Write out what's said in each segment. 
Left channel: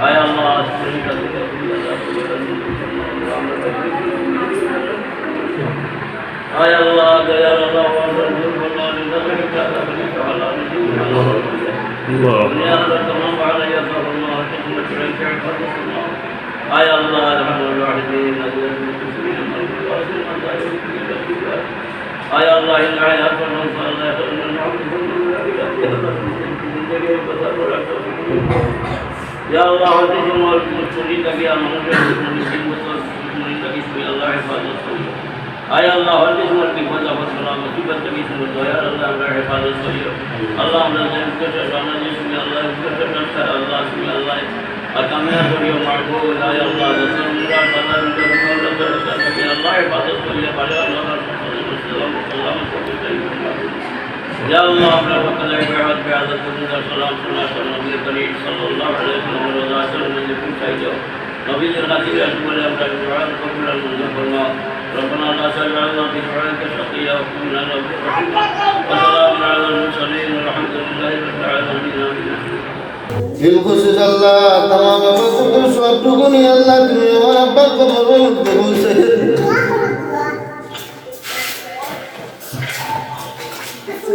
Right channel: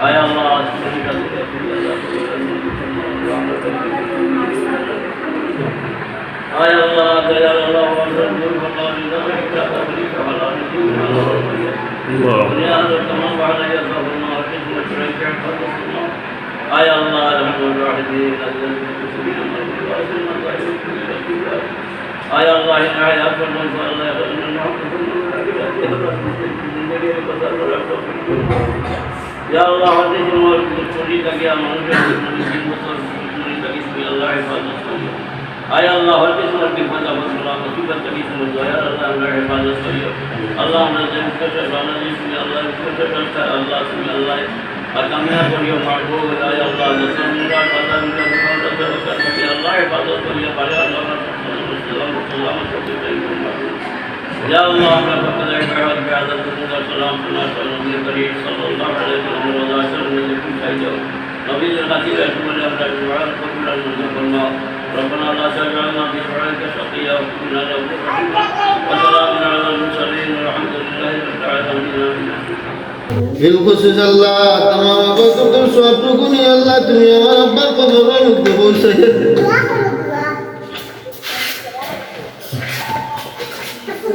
আয় আল্লাহ তুমি কাছে তুমি আল্লাহ আয় আল্লাহ দয়াল আল্লাহ আমরা নূর আল্লাহ আমার কাছে আমার শরীরটাকে মানুষের তিন বছর শরীরটাকে শুয়ে আল্লাহ হেফাজত করিও আয় আল্লাহ হর কাছে আমার বিপদ আপদ করলাম মুসিবত থেকে শুনে দয়ার আল্লাহ আমরা হেফাজত করিও আল্লাহ আমরা যেন আল্লাহ শুনে আল্লাহ আল্লাহ শুনে আল্লাহ কামিয়াব করিও মারবো আল্লাহ আল্লাহ হেফাজত করিয়া يا الله أمر فقد أجبعت بعضة الله سلام الله صلى الله عليه وسلم صلى الله عليه وسلم وضع سر من لكم سيدا نبي الغسيل أسول أمر الدعاء قبل المنزف الماء ربنا لا تجعلنا في دعائك شقيا وكلنا له وسلام على المرسلين والحمد لله رب العالمين آمين بالخصوص الله تمام بس تم سوى بقولي الله تمام ربك قبول بقول سيدنا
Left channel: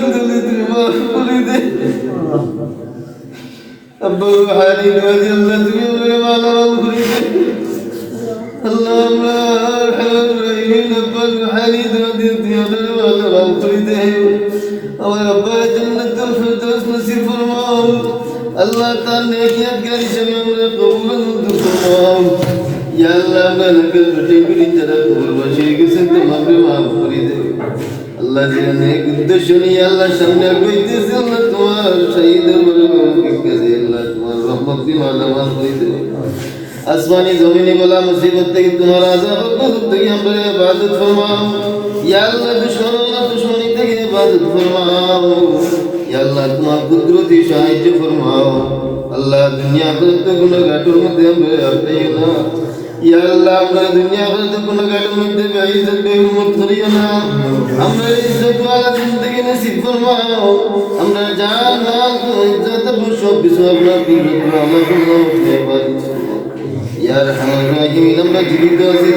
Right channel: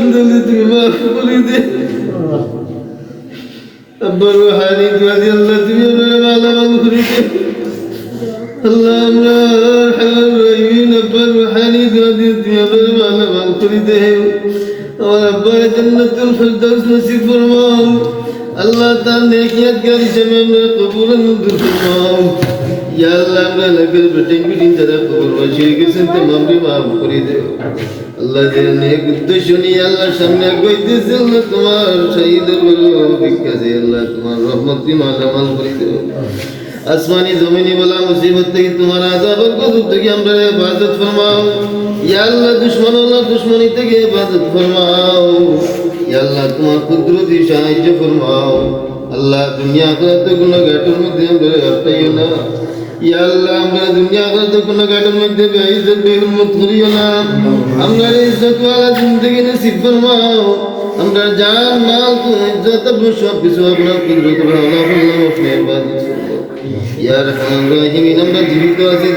কাটা দুর্গলে তুমি মাফ করে দে আব্বা হানি গাজি আল্লাহ তুমি আমরা মালা মাল করে দে আল্লাহ আমরা হারাইন আব্বা হানি গাজি তুমি আমরা মালা মাল করে দে আমার আব্বা জান্নাতুল ফিরদাউস নসিব ফরমাও আল্লাহ তার নেকিয়াত গারি হিসেবে আমরা কবুল মঞ্জুর ফরমাও ইয়া আল্লাহ আমরা এলাকার বেটে বিটি যারা কবরবাসী হয়ে গেছেন তোমার মাফ করে দেও আল্লাহ যে নেক উদ্দেশ্য নিয়ে আল্লাহ সামনে কইতেছে আল্লাহ তোমার শহীদের কাছে আল্লাহ তোমার রহমত বিমান আমাল করে দেও আসমানি জমিনি বলা মুসিবত থেকে তোমার আজাব গজব থেকে আমরা ইবাদত ফরমাও। ইয়া আল্লাহ দুশ্মন আল্লাহ দুশ্মনী থেকে ইবাদত ফরমাও। ইয়া আল্লাহ তোমার কুদরতি সাহায্য ফরমাও। আল্লাহ দুনিয়া আখিরাতে কোনো ঘাটের মধ্যে আমরা হটাইও না। ইয়া আল্লাহ, আমরা দুনিয়া আখিরাতে কোনো ঘাটের মধ্যে বেইজ্জত বেহুরমত করিও না। আমরা ইজ্জত ওয়ালা জিন্দেগি নসিব ফরমাও আমরা জান, মাল, ইজ্জত সব কিছু আপনার কুদরত আল্লাহ ইয়া আমরা জীবিত আছি